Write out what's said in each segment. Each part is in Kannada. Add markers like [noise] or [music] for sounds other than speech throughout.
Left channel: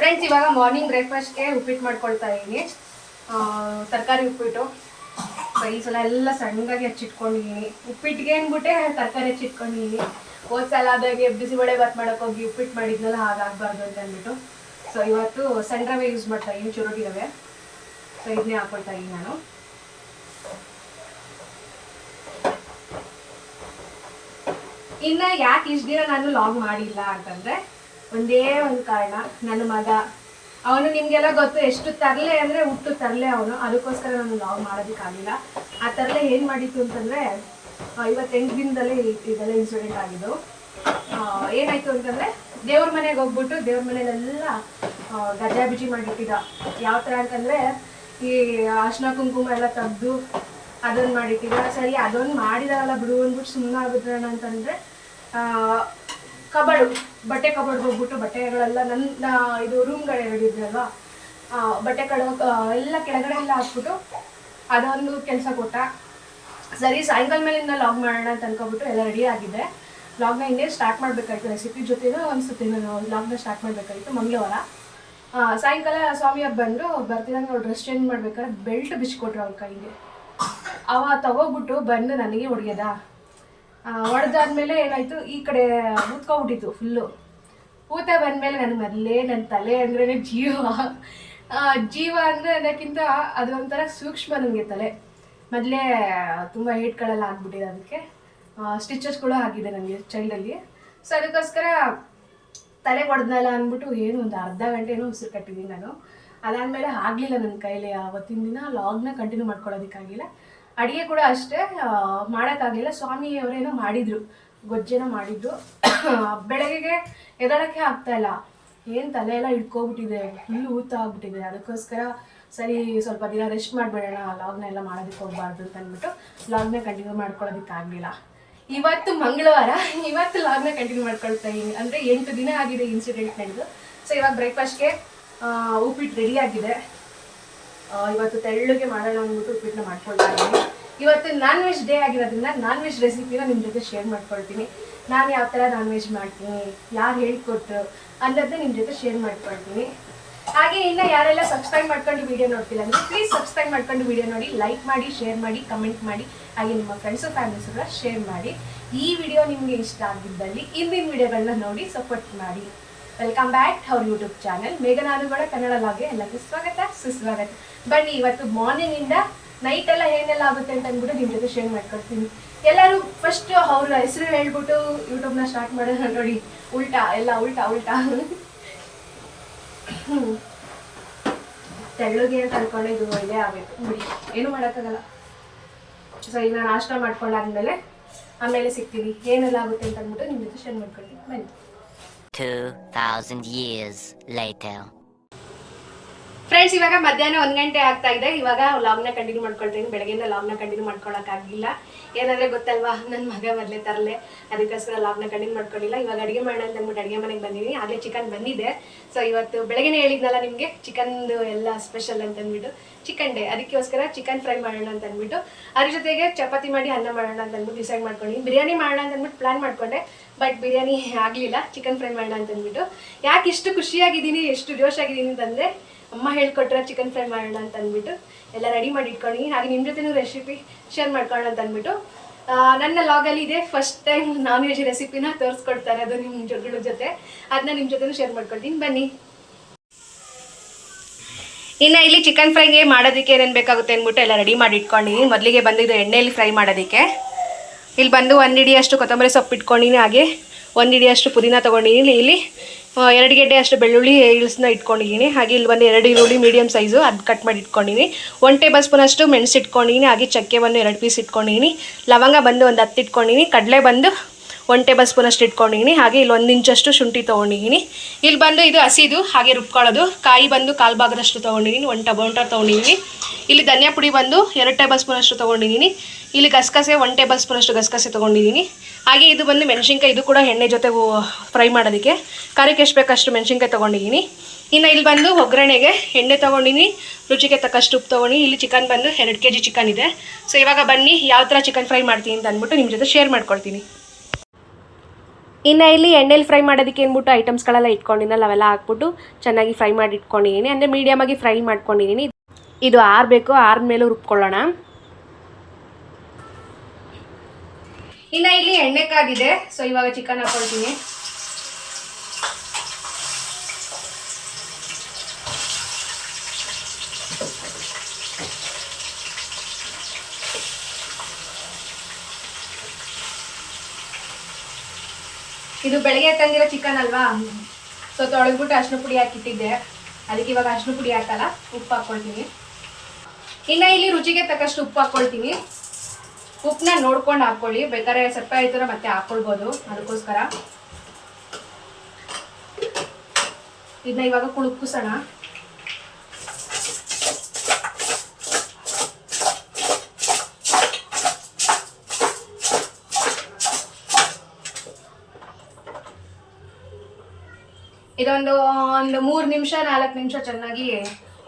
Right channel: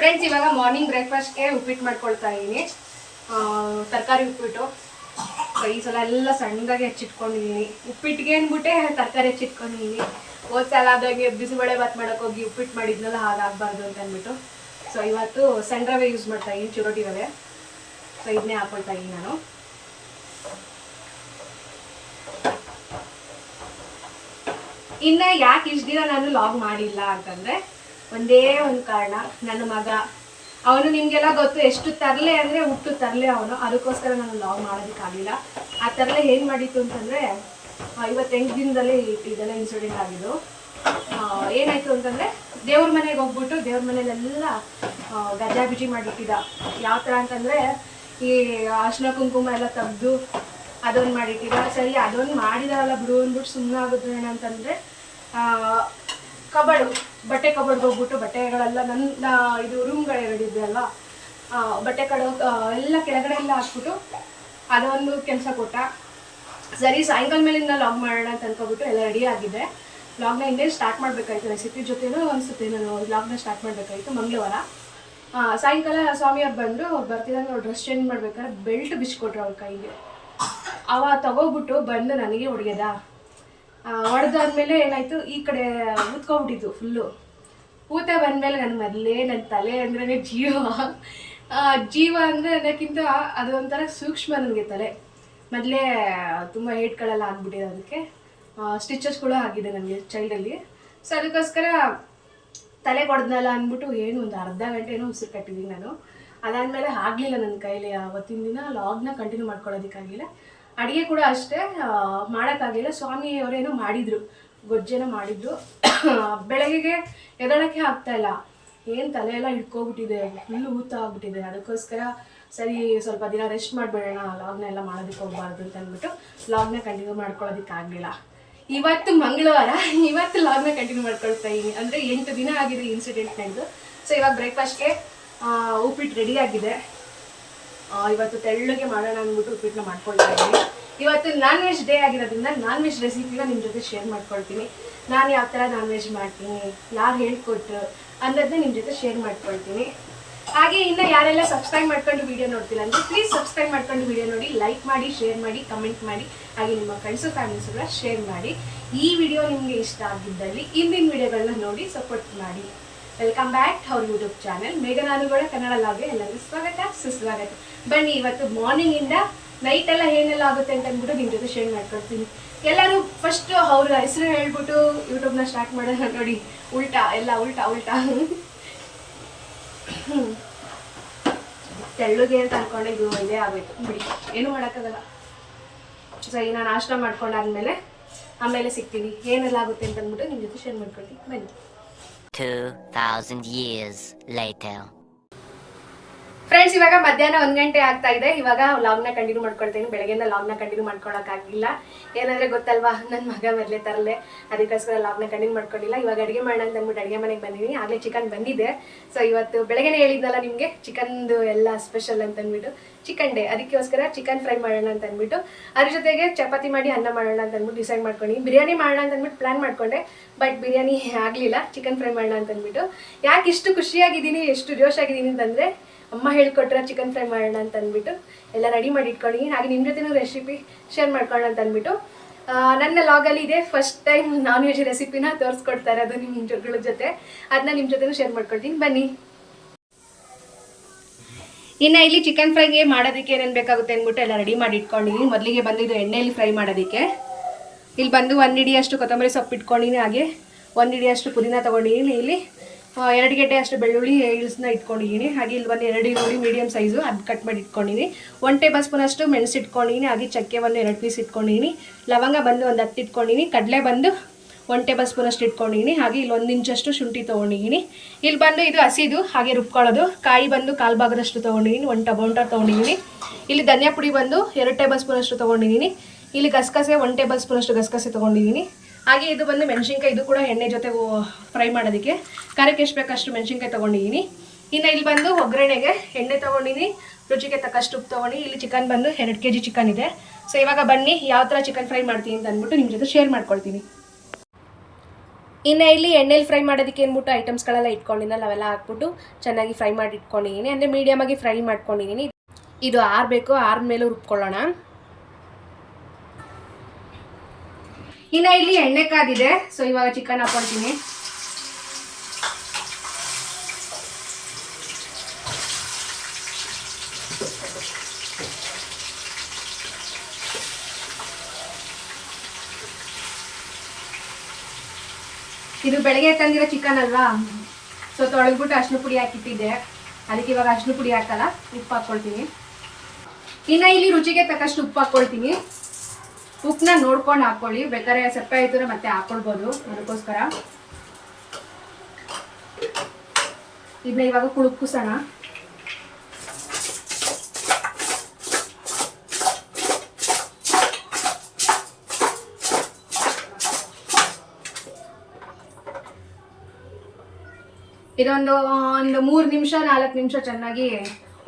ಫ್ರೆಂಡ್ಸ್ ಇವಾಗ ಮಾರ್ನಿಂಗ್ ಬ್ರೇಕ್ಫಾಸ್ಟ್ಗೆ ಉಪ್ಪಿಟ್ಟು ಮಾಡ್ಕೊಳ್ತಾ ಇದ್ದೀನಿ. ತರಕಾರಿ ಉಪ್ಪಿಟ್ಟು. ಈ ಸಲ ಎಲ್ಲ ಸಣ್ಣದಾಗಿ ಹೆಚ್ಚಿಟ್ಕೊಂಡಿದ್ದೀನಿ. ಉಪ್ಪಿಟ್ಟಿಗೆ ಅಂದ್ಬಿಟ್ಟೆ ತರಕಾರಿ ಹೆಚ್ಚಿಟ್ಕೊಂಡಿದ್ದೀನಿ. ಹೋದ ಸಲ ಆದಾಗೆ ಬಿಸಿಬೇಳೆ ಭಾತ್ ಮಾಡೋಕೆ ಹೋಗಿ ಉಪ್ಪಿಟ್ಟು ಮಾಡಿದ್ನಲ್ಲ, ಹಾಗಾಗಬಾರ್ದು ಅಂತ ಅಂದ್ಬಿಟ್ಟು. ಸೊ ಇವತ್ತು ಸಣ್ಣ ಯೂಸ್ ಮಾಡ್ತಾ ಇದ್ದೀನಿ ಚುರೋಟಿ ಸೊ ಇದನ್ನೇ ಹಾಕೊಳ್ತಾ ಇದ್ದೀನಿ ನಾನು. ಇನ್ನು ಯಾಕೆ ಇಷ್ಟು ದಿನ ನಾನು ಲಾಗ್ ಮಾಡಿಲ್ಲ ಅಂತಂದರೆ ಒಂದೇ ಒಂದು ಕಾರಣ, ನನ್ನ ಮಗ. ಅವನು ನಿಮಗೆಲ್ಲ ಗೊತ್ತು, ಎಷ್ಟು ತರಲೆ ಅಂದರೆ ಹುಟ್ಟು ತರಲೆ ಅವನು. ಅದಕ್ಕೋಸ್ಕರ ನಾನು ಲಾಗ್ ಮಾಡೋದಕ್ಕಾಗಲಿಲ್ಲ ಆ ತರಲೆ ಏನು ಮಾಡಿತ್ತು ಅಂತಂದರೆ ಇವತ್ತೆಂಟು ದಿನದಲ್ಲೇ ಇದೆಲ್ಲ ಇನ್ಸಿಡೆಂಟ್ ಆಗಿದ್ದು. ಏನಾಯಿತು ಅಂತಂದರೆ, ದೇವ್ರ ಮನೆಗೆ ಹೋಗ್ಬಿಟ್ಟು ದೇವ್ರ ಮನೇಲೆಲ್ಲ ಗಜ್ಜಾ ಬಿಜಿ ಮಾಡಿಟ್ಟಿದ್ದ. ಯಾವ ಥರ ಅಂತಂದರೆ, ಈ ಅರ್ಶಿನ ಕುಂಕುಮ ಎಲ್ಲ ತೆಗ್ದು ಅದೊಂದು ಮಾಡಿಟ್ಟಿದ್ದ. ಸರಿ, ಅದೊಂದು ಮಾಡಿದಾರಲ್ಲ ಬಿಡು ಅಂದ್ಬಿಟ್ಟು ಸುಮ್ಮನೆ ಆಗುತ್ತಣ್ಣ ಅಂತಂದರೆ ಕಬಡು ಬಟ್ಟೆ ಕಬಡ್ ಹೋಗ್ಬಿಟ್ಟು ಬಟ್ಟೆಗಳೆಲ್ಲ ನನ್ನ ಇದು ರೂಮ್ಗಳೆರಡು ಇದೆಯಲ್ಲ ಆ, ಬಟ್ಟೆ ಕಡ ಎಲ್ಲ ಕೆಳಗಡೆ ಎಲ್ಲ ಹಾಕ್ಬಿಟ್ಟು ಅದೊಂದು ಕೆಲಸ ಕೊಟ್ಟ. ಸರಿ ಸಾಯಂಕಾಲ ಮೇಲಿಂದ ಲಾಗ್ ಮಾಡೋಣ ಅಂತ ಅನ್ಕೊಬಿಟ್ಟು ಎಲ್ಲ ರೆಡಿ ಆಗಿದೆ. ಲಾಗ್ನ ಹಿಂದೆ ಸ್ಟಾರ್ಟ್ ಮಾಡಬೇಕಾಯ್ತು ರೆಸಿಪಿ ಜೊತೆನೂ ಅನಿಸುತ್ತೆ ನಾನು ಲಾಗ್ನ ಸ್ಟಾರ್ಟ್ ಮಾಡಬೇಕಾಯ್ತು ಮಂಗಳವಾರ. ಸಾಯಂಕಾಲ ಸ್ವಾಮಿಯವ್ರು ಬಂದರು ಬರ್ತಿದ್ದಂಗೆ ನಾವು ಡ್ರೆಸ್ ಚೇಂಜ್ ಮಾಡ್ಬೇಕಾದ್ರೆ ಬೆಲ್ಟ್ ಬಿಚ್ಕೊಟ್ರು ಅವ್ರ ಕೈಗೆ. ಅವ ತಗೋಬಿಟ್ಟು ಬಂದು ನನಗೆ ಹೊಡೆಯದ. ಹೊಡೆದಾದ್ಮೇಲೆ ಏನಾಯಿತು? ಈ ಕಡೆ ಊದ್ಕೊಂಡ್ಬಿಟ್ಟಿತ್ತು ಫುಲ್ಲು ಊತ ಬಂದಮೇಲೆ ನನ್ನ ಮೊದಲೇ ನನ್ನ ತಲೆ ಅಂದ್ರೆ ಜೀವ. ಜೀವ ಅಂದರೆ ಅದಕ್ಕಿಂತ ಅದು ಒಂಥರ ಸೂಕ್ಷ್ಮ ನನಗೆ ತಲೆ. ಮೊದಲೇ, ತುಂಬ ಏಟ್ಗಳೆಲ್ಲ ಆಗ್ಬಿಟ್ಟಿದೆ ಅದಕ್ಕೆ. ಸ್ಟಿಚಸ್ಗಳು ಆಗಿದೆ ನನಗೆ ಚೈಲ್ಡಲ್ಲಿ ಸೊ ಅದಕ್ಕೋಸ್ಕರ ತಲೆ ಹೊಡೆದ್ನಲ್ಲ ಅಂದ್ಬಿಟ್ಟು ಏನು ಒಂದು ಅರ್ಧ ಗಂಟೆ ಉಸಿರು ಕಟ್ಟಿದ್ದೀನಿ ನಾನು. ಅದಾದ್ಮೇಲೆ ಆಗಲಿಲ್ಲ ನನ್ನ ಕೈಲಿ, ಅವತ್ತಿನ ದಿನ ಲಾಗ್ನ ಕಂಟಿನ್ಯೂ ಮಾಡ್ಕೊಳ್ಳೋದಕ್ಕಾಗಿಲ್ಲ. ಅಡುಗೆ ಕೂಡ ಅಷ್ಟೇ ಮಾಡೋಕ್ಕಾಗಲಿಲ್ಲ. ಸ್ವಾಮಿ ಅವರೇನೋ ಮಾಡಿದರು ಗೊಜ್ಜೆನ ಮಾಡಿದ್ರು. [coughs] ಬೆಳಗ್ಗೆಗೆ ಎದಳಕ್ಕೆ ಆಗ್ತಾ ಇಲ್ಲ. ಏನು ತಲೆ ಎಲ್ಲ ಇಟ್ಕೋಬಿಟ್ಟಿದೆ ಫುಲ್ ಊತ ಆಗ್ಬಿಟ್ಟಿದೆ. ಅದಕ್ಕೋಸ್ಕರ ಸರಿ, ಸ್ವಲ್ಪ ದಿನ ರೆಸ್ಟ್ ಮಾಡಿಬಿಡೋಣ ಲಾಗ್ನ ಎಲ್ಲ ಮಾಡೋದಕ್ಕೆ ಹೋಗ್ಬಾರ್ದು ಅಂತ ಅಂದ್ಬಿಟ್ಟು ಲಾಗ್ನ ಕಂಟಿನ್ಯೂ ಮಾಡ್ಕೊಳ್ಳೋದಕ್ಕಾಗಲಿಲ್ಲ. ಇವತ್ತು ಮಂಗಳವಾರ, [laughs] ಇವತ್ತು ಲಾಗ್ನ ಕಂಟಿನ್ಯೂ ಮಾಡ್ಕೊಳ್ತಾ ಇದ್ದೀನಿ ಅಂದರೆ ಎಂಟು ದಿನ ಆಗಿದೆ ಇನ್ಸಿಡೆಂಟ್ ನಡೆದು. ಸೊ ಇವಾಗ ಬ್ರೇಕ್ಫಾಸ್ಟ್ಗೆ ಉಪ್ಪಿಟ್ಟು ರೆಡಿ ಆಗಿದೆ. ಇವತ್ತು ತೆಳ್ಳಗೆ ಮಾಡೋಣ ಅಂದ್ಬಿಟ್ಟು ಉಪ್ಪಿಟ್ಟನ್ನ ಮಾಡ್ಕೊಳ್ತಾ ಇದ್ದೀನಿ. ಇವತ್ತು ನಾನ್ ವೆಜ್ ಡೇ ಆಗಿರೋದ್ರಿಂದ ನಾನ್ ವೆಜ್ ರೆಸಿಪಿನ ನಿಮ್ಮ ಜೊತೆ ಶೇರ್ ಮಾಡ್ಕೊಳ್ತೀನಿ. ನಾನು ಯಾವ ಥರ ನಾನ್ ವೆಜ್ ಮಾಡ್ತೀನಿ, ಯಾರು ಹೇಳ್ಕೊಟ್ರು ಅನ್ನೋದನ್ನ ನಿಮ್ಮ ಜೊತೆ ಶೇರ್ ಮಾಡ್ಕೊಳ್ತೀನಿ. ಹಾಗೆ ಇನ್ನು ಯಾರೆಲ್ಲ ಸಬ್ಸ್ಕ್ರೈಬ್ ಮಾಡ್ಕೊಂಡು ವಿಡಿಯೋ ನೋಡ್ತಿಲ್ಲ ಅಂದರೆ ಪ್ಲೀಸ್ ಸಬ್ಸ್ಕ್ರೈಬ್ ಮಾಡ್ಕೊಂಡು ವಿಡಿಯೋ ನೋಡಿ ಲೈಕ್ ಮಾಡಿ ಶೇರ್ ಮಾಡಿ ಕಮೆಂಟ್ ಮಾಡಿ, ಹಾಗೆ ನಿಮ್ಮ ಫ್ರೆಂಡ್ಸು ಫ್ಯಾಮಿಲೀಸ್ ಕೂಡ ಶೇರ್ ಮಾಡಿ. ಈ ವಿಡಿಯೋ ನಿಮಗೆ ಇಷ್ಟ ಆಗಿದ್ದಲ್ಲಿ, ಇಂದಿನ ವಿಡಿಯೋಗಳನ್ನ ನೋಡಿ ಸಪೋರ್ಟ್ ಮಾಡಿ. ವೆಲ್ಕಮ್ ಬ್ಯಾಕ್ ಅವ್ರ ಯೂಟ್ಯೂಬ್ ಚಾನಲ್ ಮೇಘನಾನುಗಳ ಕನ್ನಡ ಲಾಗ್ಗೆ ಎಲ್ಲರಿಗೂ ಸ್ವಾಗತ, ಸುಸ್ವಾಗತ. ಬನ್ನಿ, ಇವತ್ತು ಮಾರ್ನಿಂಗ್ ಇಂದ ನೈಟ್ ಎಲ್ಲ ಏನೆಲ್ಲ ಆಗುತ್ತೆ ಅಂತ ಅಂದ್ಬಿಟ್ಟು ನಿಮ್ಮ ಜೊತೆ ಶೇರ್ ಮಾಡ್ಕೊಳ್ತೀನಿ. ಎಲ್ಲರೂ ಫಸ್ಟ್ ಅವ್ರ ಹೆಸರು ಹೇಳ್ಬಿಟ್ಟು ಯೂಟ್ಯೂಬ್ನ ಸ್ಟಾರ್ಟ್ ಮಾಡೋಣ ನೋಡಿ. ಉಲ್ಟಾ, ಎಲ್ಲ ಉಲ್ಟಾ ಉಲ್ಟಾ. ತೆಳ್ಳಗೆ ಅಂತ ಅನ್ಕೊಂಡೆ ಇದು ಇದೇ ಆಗೋಯ್ತು ಬಿಡಿ, ಏನು ಮಾಡೋಕ್ಕಾಗಲ್ಲ. ಸರಿ, ನಾನು ನಾಷ್ಟ ಮಾಡ್ಕೊಂಡಾದ್ಮೇಲೆ ಆಮೇಲೆ ಸಿಗ್ತೀನಿ. ಏನೆಲ್ಲ ಆಗುತ್ತೆ ಅಂತ ಅಂದ್ಬಿಟ್ಟು ನಿಮ್ಮ ಜೊತೆ ಶೇರ್ ಮಾಡ್ಕೊಳ್ತೀನಿ. ಬನ್ನಿ. 2,000 years later. ಫ್ರೆಂಡ್ಸ್ ಇವಾಗ ಮಧ್ಯಾಹ್ನ ಒಂದು ಗಂಟೆ ಆಗ್ತಾ ಇದೆ. ಇವಾಗ ಲಾಗ್ನ ಕಂಟಿನ್ಯೂ ಮಾಡ್ಕೊಳ್ತೀನಿ. ಬೆಳಗ್ಗೆಯಿಂದ ಲಾಗ್ನ ಕಂಟಿನ್ಯೂ ಮಾಡ್ಕೊಳಕ್ಕಾಗಿಲ್ಲ. ಏನಂದ್ರೆ ಗೊತ್ತಲ್ವಾ? ನನ್ನ ಮಗ ಮೊದಲೇ ತರಲೆ. ಅದಕ್ಕೋಸ್ಕರ ಲಾಗ್ನ ಕಂಟಿನ್ಯೂ ಮಾಡ್ಕೊಂಡಿಲ್ಲ. ಇವಾಗ ಅಡುಗೆ ಮಾಡೋಣ ಅಂತ ಅಂದ್ಬಿಟ್ಟು ಅಡುಗೆ ಮನೆಗೆ ಬಂದಿದ್ದೀನಿ ಆಗಲೇ ಚಿಕನ್ ಬಂದಿದೆ. ಸೊ ಇವತ್ತು ಬೆಳಗ್ಗೆನೇ ಹೇಳಿದ್ನಲ್ಲ ನಿಮಗೆ ಚಿಕನ್ದು ಎಲ್ಲ ಸ್ಪೆಷಲ್ ಅಂತ ಅಂದ್ಬಿಟ್ಟು. ಚಿಕನ್ ಡೇ ಅದಕ್ಕೋಸ್ಕರ ಚಿಕನ್ ಫ್ರೈ ಮಾಡೋಣ ಅಂತ ಅಂದ್ಬಿಟ್ಟು. ಅದ್ರ ಜೊತೆಗೆ ಚಪಾತಿ ಮಾಡಿ ಅನ್ನ ಮಾಡೋಣ ಅಂತ ಅಂದ್ಬಿಟ್ಟು ಡಿಸೈಡ್ ಮಾಡ್ಕೊಂಡು. ಬಿರಿಯಾನಿ ಮಾಡೋಣ ಅಂತ ಅಂದ್ಬಿಟ್ಟು ಪ್ಲಾನ್ ಮಾಡ್ಕೊಂಡೆ. ಬಟ್ ಬಿರಿಯಾನಿ ಆಗಲಿಲ್ಲ. ಚಿಕನ್ ಫ್ರೈ ಮಾಡೋಣ ಅಂತ ಅಂದ್ಬಿಟ್ಟು. ಯಾಕೆ ಇಷ್ಟು ಖುಷಿಯಾಗಿದ್ದೀನಿ, ಎಷ್ಟು ಜೋಶ್ ಆಗಿದ್ದೀನಿ ಅಂತಂದರೆ ಅಮ್ಮ ಹೇಳ್ಕೊಟ್ರೆ ಚಿಕನ್ ಫ್ರೈ ಮಾಡೋಣ ಅಂತ ಅಂದ್ಬಿಟ್ಟು ಎಲ್ಲ ರೆಡಿ ಮಾಡಿ ಇಟ್ಕೊಂಡಿನಿ ಹಾಗೆ ನಿಮ್ಮ ಜೊತೆನೂ ರೆಸಿಪಿ ಶೇರ್ ಮಾಡ್ಕೊಳ್ಳೋಣ ಅಂತ ಅಂದ್ಬಿಟ್ಟು. ನನ್ನ ಲಾಗಲ್ಲಿ ಇದೆ. ಫಸ್ಟ್ ಟೈಮ್ ನಾನ್ ವೆಜ್ ರೆಸಿಪಿನ ತೋರಿಸ್ಕೊಡ್ತಾರೆ ಅದು ನಿಮ್ಮ ಜೊಗಳ ಜೊತೆ. ಅದನ್ನ ನಿಮ್ಮ ಜೊತೆನೂ ಶೇರ್ ಮಾಡ್ಕೊಳ್ತೀನಿ ಬನ್ನಿ. ಇನ್ನು ಇಲ್ಲಿ ಚಿಕನ್ ಫ್ರೈಗೆ ಮಾಡೋದಕ್ಕೆ ಏನೇನು ಬೇಕಾಗುತ್ತೆ ಅಂದ್ಬಿಟ್ಟು ಎಲ್ಲ ರೆಡಿ ಮಾಡಿ ಇಟ್ಕೊಂಡಿನಿ ಮೊದಲಿಗೆ ಬಂದಿದ್ದು ಎಣ್ಣೆಯಲ್ಲಿ ಫ್ರೈ ಮಾಡೋದಕ್ಕೆ. ಇಲ್ಲಿ ಬಂದು ಒಂದು ಹಿಡಿಯಷ್ಟು ಕೊತ್ತಂಬರಿ ಸೊಪ್ಪು ಇಟ್ಕೊಂಡಿನಿ ಹಾಗೆ ಒಂದು ಹಿಡಿಯಷ್ಟು ಪುದೀನ ತೊಗೊಂಡಿನಿ ಇಲ್ಲಿ ಎರಡು ಗೆಡ್ಡೆ ಅಷ್ಟು ಬೆಳ್ಳುಳ್ಳಿ ಇಳಿಸ್ನ ಇಟ್ಕೊಂಡಿದ್ದೀನಿ. ಹಾಗೆ ಇಲ್ಲಿ ಬಂದು ಎರಡು ಈರುಳ್ಳಿ ಮೀಡಿಯಮ್ ಸೈಜು ಅದು ಕಟ್ ಮಾಡಿ ಇಟ್ಕೊಂಡಿದ್ದೀನಿ. ಒನ್ ಟೇಬಲ್ ಸ್ಪೂನಷ್ಟು ಮೆಣಸು ಇಟ್ಕೊಂಡಿದ್ದೀನಿ. ಹಾಗೆ ಚಕ್ಕೆ ಬಂದು ಎರಡು ಪೀಸ್ ಇಟ್ಕೊಂಡಿದ್ದೀನಿ. ಲವಂಗ ಬಂದು ಒಂದು ಹತ್ತು ಇಟ್ಕೊಂಡಿದ್ದೀನಿ. ಕಡಲೆ ಬಂದು ಒನ್ ಟೇಬಲ್ ಸ್ಪೂನಷ್ಟು ಇಟ್ಕೊಂಡಿದ್ದೀನಿ. ಹಾಗೆ ಇಲ್ಲಿ ಒಂದು ಇಂಚಷ್ಟು ಶುಂಠಿ ತೊಗೊಂಡಿದ್ದೀನಿ. ಇಲ್ಲಿ ಬಂದು ಇದು ಹಸಿದು, ಹಾಗೆ ರುಬ್ಕೊಳ್ಳೋದು. ಕಾಯಿ ಬಂದು ಕಾಲು ಭಾಗದಷ್ಟು ತೊಗೊಂಡಿದ್ದೀನಿ. ಒಂದು ಟೊಮೊಟೊ ತೊಗೊಂಡಿದ್ದೀನಿ. ಇಲ್ಲಿ ಧನಿಯಾ ಪುಡಿ ಬಂದು ಎರಡು ಟೇಬಲ್ ಸ್ಪೂನಷ್ಟು ತೊಗೊಂಡಿದ್ದೀನಿ. ಇಲ್ಲಿ ಗಸಗಸೆ ಒನ್ ಟೇಬಲ್ ಸ್ಪೂನಷ್ಟು ಗಸಗಸೆ ತೊಗೊಂಡಿದ್ದೀನಿ. ಹಾಗೆ ಇದು ಬಂದು ಮೆಣಸಿನ್ಕಾಯಿ, ಇದು ಕೂಡ ಎಣ್ಣೆ ಜೊತೆ ಫ್ರೈ ಮಾಡೋದಕ್ಕೆ. ಖಾರಕ್ಕೆ ಎಷ್ಟು ಬೇಕಷ್ಟು ಮೆಣಸಿನ್ಕಾಯಿ ತೊಗೊಂಡಿದ್ದೀನಿ. ಇನ್ನು ಇಲ್ಲಿ ಬಂದು ಒಗ್ಗರಣೆಗೆ ಎಣ್ಣೆ ತೊಗೊಂಡಿನಿ, ರುಚಿಗೆ ತಕ್ಕಷ್ಟು ಉಪ್ಪು ತೊಗೊಂಡು ಇಲ್ಲಿ ಚಿಕನ್ ಬಂದು ಎರಡು ಕೆ ಜಿ ಚಿಕನ್ ಇದೆ. ಸೊ ಇವಾಗ ಬನ್ನಿ ಯಾವ ಥರ ಚಿಕನ್ ಫ್ರೈ ಮಾಡ್ತೀನಿ ಅಂತ ಅಂದ್ಬಿಟ್ಟು ನಿಮ್ಮ ಜೊತೆ ಶೇರ್ ಮಾಡ್ಕೊಳ್ತೀನಿ. ಇನ್ನು ಇಲ್ಲಿ ಎಣ್ಣೆಲಿ ಫ್ರೈ ಮಾಡೋದಕ್ಕೆ ಅಂದ್ಬಿಟ್ಟು ಐಟಮ್ಸ್ಗಳೆಲ್ಲ ಇಟ್ಕೊಂಡಿನಲ್ಲ ಅವೆಲ್ಲ ಹಾಕ್ಬಿಟ್ಟು ಚೆನ್ನಾಗಿ ಫ್ರೈ ಮಾಡಿ ಇಟ್ಕೊಂಡಿದ್ದೀನಿ. ಅಂದರೆ ಮೀಡಿಯಮಾಗಿ ಫ್ರೈ ಮಾಡ್ಕೊಂಡಿದ್ದೀನಿ. ಇದು ಆರಬೇಕು ಆರ್ಮೇಲೂ ರುಬ್ಕೊಳ್ಳೋಣ. ಇನ್ನು ಇಲ್ಲಿ ಎಣ್ಣೆ ಕಾದಿದೆ. ಸೊ ಇವಾಗ ಚಿಕನ್ ಹಾಕೊಳ್ತೀನಿ. ಇದು ಬೆಳಗ್ಗೆ ತಂದಿರೋ ಚಿಕನ್ ಅಲ್ವಾ? ಸೊ ತೊಳೆದ್ಬಿಟ್ಟು ಅರ್ಶಿನ ಪುಡಿ ಹಾಕಿಟ್ಟಿದ್ದೆ. ಅದಕ್ಕೆ ಇವಾಗ ಅರ್ಶಿನ ಪುಡಿ ಹಾಕಲ್ಲ, ಉಪ್ಪು ಹಾಕ್ಕೊಳ್ತೀನಿ ಇನ್ನು ಇಲ್ಲಿ ರುಚಿಗೆ ತಕ್ಕಷ್ಟು ಉಪ್ಪು ಹಾಕ್ಕೊಳ್ತೀನಿ ಉಪ್ಪನ್ನ ನೋಡ್ಕೊಂಡು ಹಾಕ್ಕೊಳ್ಳಿ ಬೇಕಾದ್ರೆ ಸಪ್ಪೆ ಆಯ್ತಾರೆ ಮತ್ತೆ ಹಾಕ್ಕೊಳ್ಬೋದು ಅದಕ್ಕೋಸ್ಕರ. ಇದನ್ನ ಇವಾಗ ಕುಳುಕಿಸೋಣ. ಇದೊಂದು, ಒಂದು ಮೂರು ನಿಮಿಷ, ನಾಲ್ಕು ನಿಮಿಷ ಚೆನ್ನಾಗಿ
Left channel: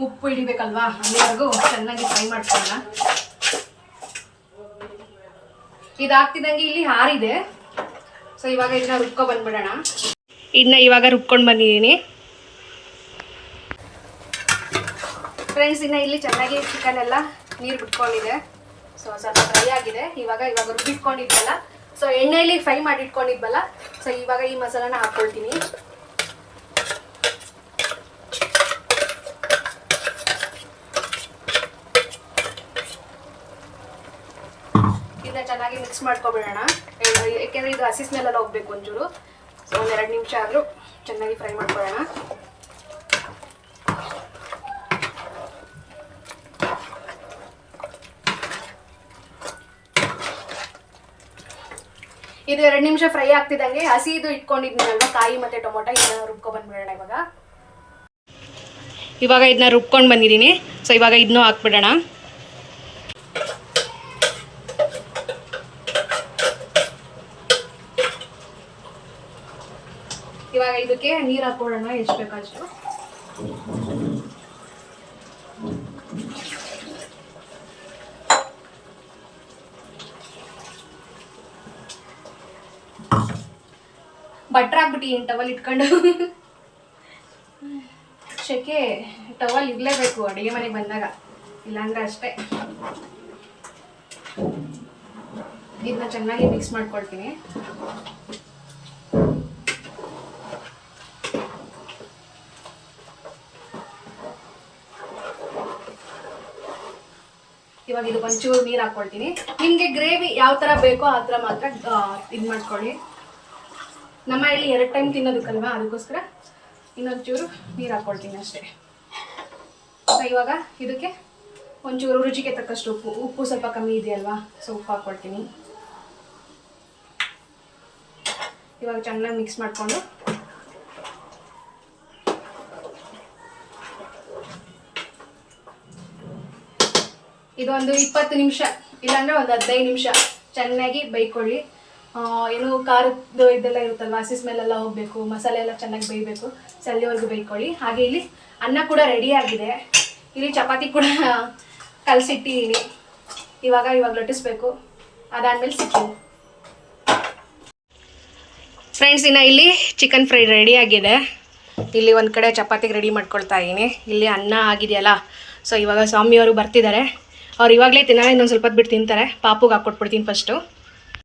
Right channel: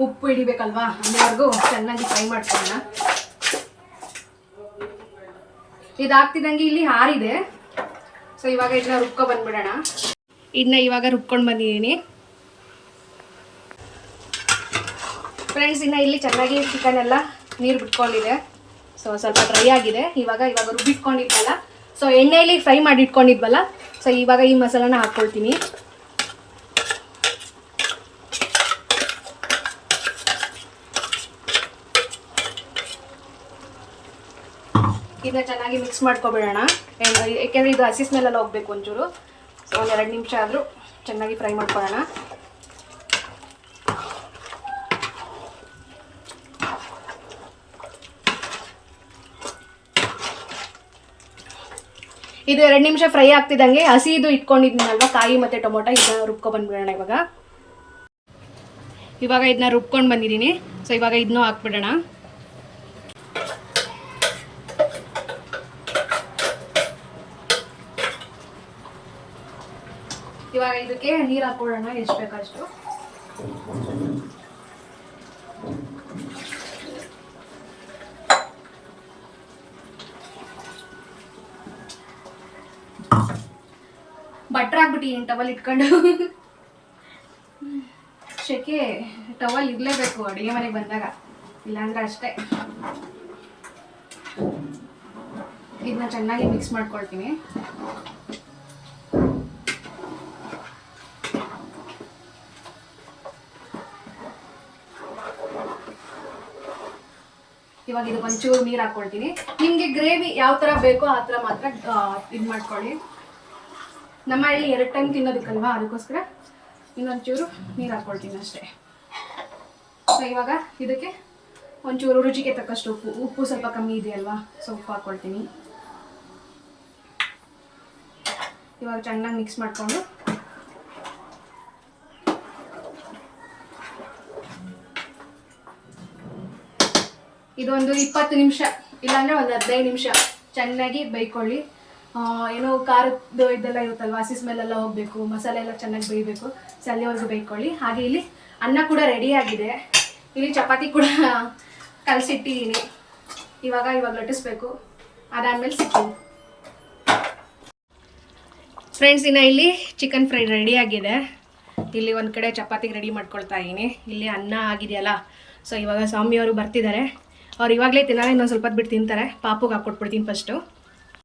ಉಪ್ಪು ಹಿಡಿಬೇಕಲ್ವಾ? ಅಲ್ಲಿವರೆಗೂ ಚೆನ್ನಾಗಿ ಫ್ರೈ ಮಾಡ್ಕೊಳ್ಳೋಣ. ಇದಾಗ್ತಿದ್ದಂಗೆ ಇಲ್ಲಿ ಹಾರಿದೆ. ಸೊ ಇವಾಗ ಇದನ್ನ ರುಬ್ಕೊ ಬಂದ್ಬಿಡೋಣ. ಇದನ್ನ ಇವಾಗ ರುಬ್ಕೊಂಡು ಬಂದಿದ್ದೀನಿ. ಫ್ರೆಂಡ್ಸ್ ಇನ್ನು ಇಲ್ಲಿ ಚೆನ್ನಾಗಿ ಚಿಕನ್ ಎಲ್ಲ ನೀರು ಬಿಟ್ಕೊಂಡಿದೆ. ಸೊ ಸ್ವಲ್ಪ ಡ್ರೈ ಆಗಿದೆ. ಇವಾಗ ಇವಾಗ ರುಬ್ಬಿಟ್ಕೊಂಡಿದ್ವಲ್ಲ. ಸೊ ಎಣ್ಣೆಯಲ್ಲಿ ಫ್ರೈ ಮಾಡಿ ಇಟ್ಕೊಂಡಿದ್ವಲ್ಲ ಸೊ ಇವಾಗ ಈ ಮಸಾಲಾನ ಹಾಕ್ಕೊಳ್ತೀನಿ. ಇದನ್ನ ಚೆನ್ನಾಗಿ ಮಿಕ್ಸ್ ಮಾಡ್ಕೊಬಿಡೋಣ ಯಾಕೆಂದರೆ ಇದು ಹಸಿ ಸ್ಮೆಲ್ಲೆಲ್ಲ ಹೋಗ್ಬೇಕು ಒಂಚೂರು. ಸೊ ಒಂದೆರಡು ನಿಮಿಷ ಆದರೂ ಚೆನ್ನಾಗಿ ಫ್ರೈ ಮಾಡ್ಕೊಳ್ಳೋಣ. ಇದು ಎರಡು ನಿಮಿಷ ಫ್ರೈ ಆಗ್ತಿದ್ದಂಗೆ ಹಸಿ ಇದು ಇಟ್ಕೊಂಡಿದ್ದೀನಲ್ವ ಕಾಯಿ ಮತ್ತು ಟೊಮೊಟೊ, ಇದನ್ನ ರುಬ್ಕೊ ಬಂದ್ಬಿಡೋಣ ಇವಾಗ. ಇವಾಗ ಇದನ್ನ ರುಬ್ಕೊಂಡು ಬಂದಿದ್ದೀನಿ. ಸೊ ಇವಾಗ ಇದನ್ನೂ ಹಾಕ್ಬಿಡೋಣ. ಇವಾಗ ಇದಕ್ಕೆ ನೀರು ಹಾಕೊಳ್ಳೋಣ ಎಷ್ಟು ಬೇಕಷ್ಟು ಬಟ್ರ್ ಹಾಕ್ಬಿಟ್ಟಿದ್ದೀನಿ ಟವಲ್ ಇಟ್ಕೊಂಡು. ಶೆಕೆ ಟವಲ್ ಇರಲೇಬೇಕು, ಅಡುಗೆ ಮನೆಗೆ ಬಂದಾಗ. ಇಲ್ಲಾಂದ್ರೆ ಅಷ್ಟೇ. ಇದನ್ನ ಚೆನ್ನಾಗಿ ಮಿಕ್ಸ್ ಮಾಡ್ಕೊಳ್ತೀನಿ. ಇವಾಗ ಇದು ಒಂಚೂರು ನೀರು ಹಾಕ್ಕೊಳ್ತೀನಿ ನಿಮಗೆ ಗ್ರೇವಿ ಯಾವ ಥರ ಬೇಕೋ ಆ ಥರ ಮಾತ್ರ ಇದು ಮಾಡ್ಕೊಳ್ಳಿ. ನಮ್ಮ ಇಲ್ಲಿ ಎರಡು ಟೈಮ್ ತಿನ್ನೋದಕ್ಕಲ್ವಾ? ಅದಕ್ಕೋಸ್ಕರ ಇನ್ನೊಂಚೂರು ನೀರು ಹಾಕ್ಕೊಳ್ತೀನಿ ಅಷ್ಟೇ. ಸೊ ಇವಾಗ ಇದಕ್ಕೆ ಒಂಚೂರು ರುಚಿಗೆ ತಕ್ಕಷ್ಟು ಉಪ್ಪು. ಉಪ್ಪು ಸ್ವಲ್ಪ ಕಮ್ಮಿ ಇದೆಯಲ್ವಾ ಸೊ ಉಪ್ಪು ಹಾಕ್ಕೊಳ್ತೀನಿ ಇವಾಗ ಚೆನ್ನಾಗಿ ಮಿಕ್ಸ್ ಮಾಡಿಕೊಂಡು ಇದೊಂದು ಇಪ್ಪತ್ತು ನಿಮಿಷ ಇಲ್ಲಾಂದರೆ ಒಂದು ಹದಿನೈದು ನಿಮಿಷ ಚೆನ್ನಾಗಿ ಬೈಕೊಳ್ಳಿ ಆ, ಏನು ಖಾರದ್ದು ಇದೆಲ್ಲ ಇರುತ್ತಲ್ವ ಹಸಿ ಸ್ಮೆಲ್ಲೆಲ್ಲ ಹೋಗಬೇಕು ಮಸಾಲೆ ಎಲ್ಲ ಚೆನ್ನಾಗಿ ಬೇಯಬೇಕು ಸೊ ಬೈಕೊಳ್ಳಿ ಹಾಗೆ ಇಲ್ಲಿ ಅನ್ನ ಕೂಡ ರೆಡಿ ಆಗಿದೆ. ಇಲ್ಲಿ ಚಪಾತಿ ಕೂಡ ಕಲಸಿಟ್ಟಿದ್ದೀನಿ ಇವಾಗ ಇವಾಗ ಲಟ್ಟಿಸ್ಬೇಕು. ಅದಾದಮೇಲೆ ಸಿಗ್ತೀನಿ. ಫ್ರೆಂಡ್ಸ್ ಇನ್ನು ಇಲ್ಲಿ ಚಿಕನ್ ಫ್ರೈ ರೆಡಿ ಆಗಿದೆ. ಇಲ್ಲಿ ಒಂದು ಕಡೆ ಚಪಾತಿಗೆ ರೆಡಿ ಮಾಡ್ಕೊಳ್ತಾ ಇದ್ದೀನಿ ಇಲ್ಲಿ ಅನ್ನ ಆಗಿದೆಯಲ್ಲ ಸೊ ಇವಾಗ ಸ್ವಾಮಿಯವರು ಬರ್ತಿದ್ದಾರೆ. ಅವ್ರು ಇವಾಗಲೇ ತಿನ್ನೋಣ ಇನ್ನೊಂದು ಸ್ವಲ್ಪ ಬಿಟ್ಟು ತಿಂತಾರೆ. ಪಾಪುಗೆ ಹಾಕ್ಕೊಟ್ಬಿಡ್ತೀನಿ ಫಸ್ಟು